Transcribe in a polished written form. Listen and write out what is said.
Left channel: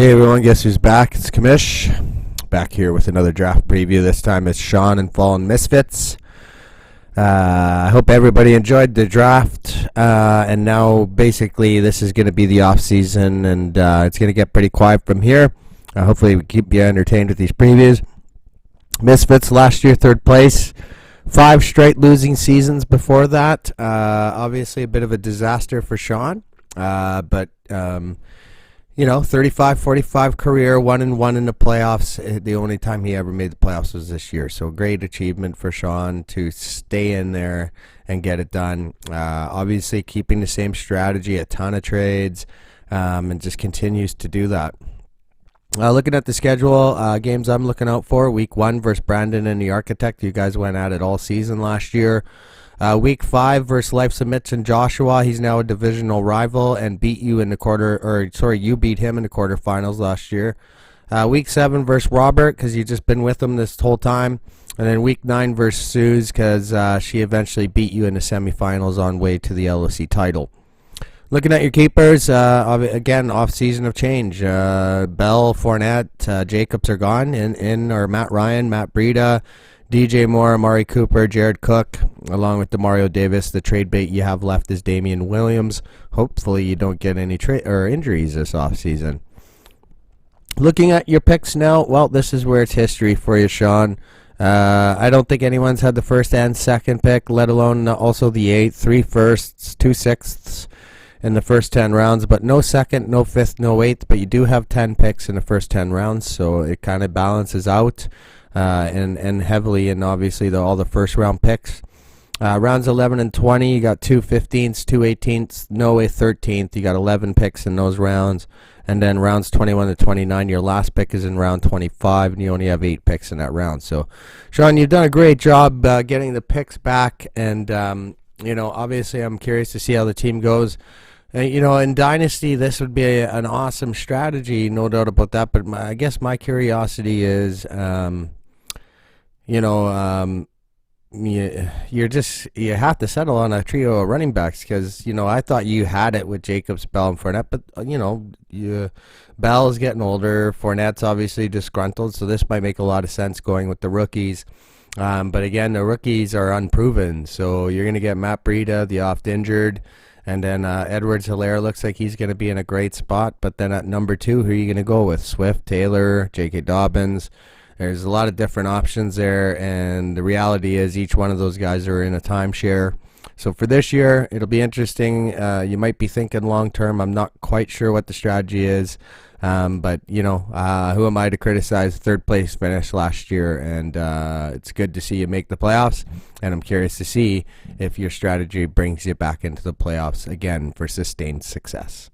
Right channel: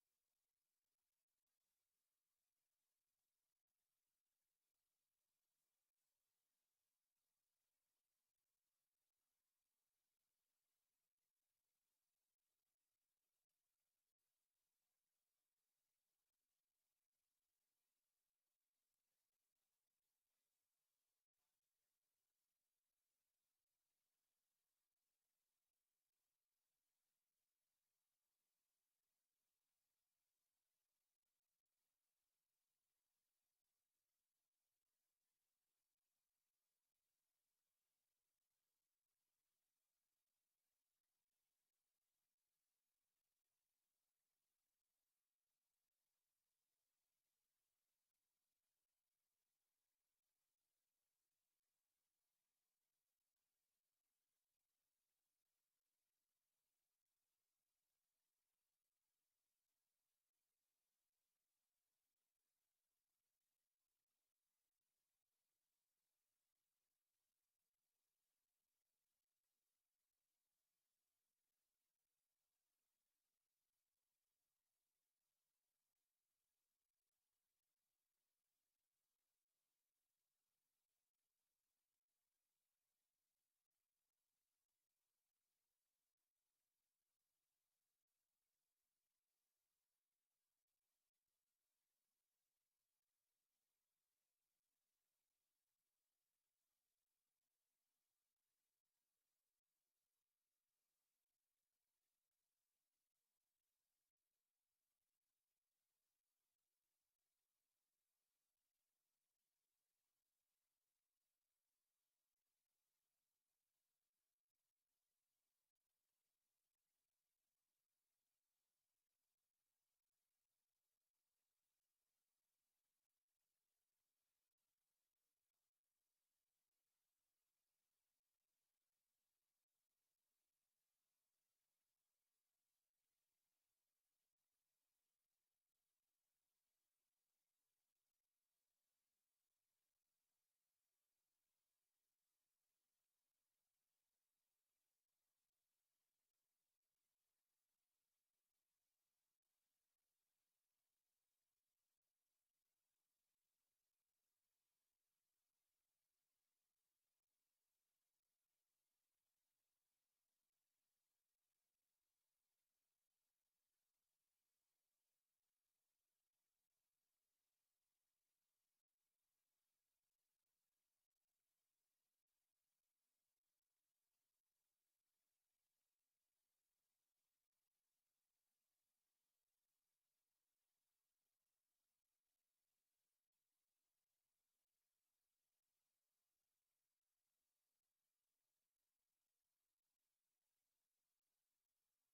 Hey everyone, guess who's back? It's Kamish. Back here with another draft preview. This time it's Sean and Fallen Misfits. I hope everybody enjoyed the draft. And now basically this is going to be the off season, and it's going to get pretty quiet from here. Hopefully we keep you entertained with these previews. Misfits last year, third place. 5 straight losing seasons before that. Obviously a bit of a disaster for Sean. But 35-45 career, 1-1 in the playoffs. The only time he ever made the playoffs was this year. So great achievement for Sean to stay in there and get it done. Obviously keeping the same strategy, a ton of trades, and just continues to do that. Looking at the schedule, games I'm looking out for, week 1 versus Brandon and the Architect. You guys went at it all season last year. Week 5 versus Life Submits and Joshua. He's now a divisional rival and beat you in the you beat him in the quarterfinals last year. Week 7 versus Robert, because you've just been with him this whole time. And then week 9 versus Suze, because she eventually beat you in the semifinals on way to the LOC title. Looking at your keepers, again, off-season of change. Bell, Fournette, Jacobs are gone. Or Matt Ryan, Matt Breida, DJ Moore, Amari Cooper, Jared Cook, along with Demario Davis. The trade bait you have left is Damian Williams. Hopefully you don't get any injuries this offseason. Looking at your picks now, well, this is where it's history for you, Sean. I don't think anyone's had the first and second pick, let alone also the 8th, 3 firsts, 2 sixths in the first 10 rounds, but no second, no fifth, no 8th, but you do have 10 picks in the first 10 rounds, so it kind of balances out. And heavily in obviously all the first round picks. Rounds 11 and 20, you got 2 15ths, 2 18ths, no a 13th. You got 11 picks in those rounds. And then rounds 21 to 29, your last pick is in round 25, and you only have 8 picks in that round. So, Sean, you've done a great job getting the picks back. And, obviously I'm curious to see how the team goes. In Dynasty, this would be an awesome strategy, no doubt about that. But I guess my curiosity is, you have to settle on a trio of running backs because, I thought you had it with Jacobs, Bell, and Fournette. But, Bell is getting older. Fournette's obviously disgruntled, so this might make a lot of sense going with the rookies. But, again, the rookies are unproven. So you're going to get Matt Breida, the oft-injured. And then Edwards-Helaire looks like he's going to be in a great spot. But then at number 2, who are you going to go with? Swift, Taylor, J.K. Dobbins. There's a lot of different options there. And the reality is each one of those guys are in a timeshare. So for this year, it'll be interesting. You might be thinking long-term. I'm not quite sure what the strategy is. But, who am I to criticize third-place finish last year? And it's good to see you make the playoffs. And I'm curious to see if your strategy brings you back into the playoffs again for sustained success.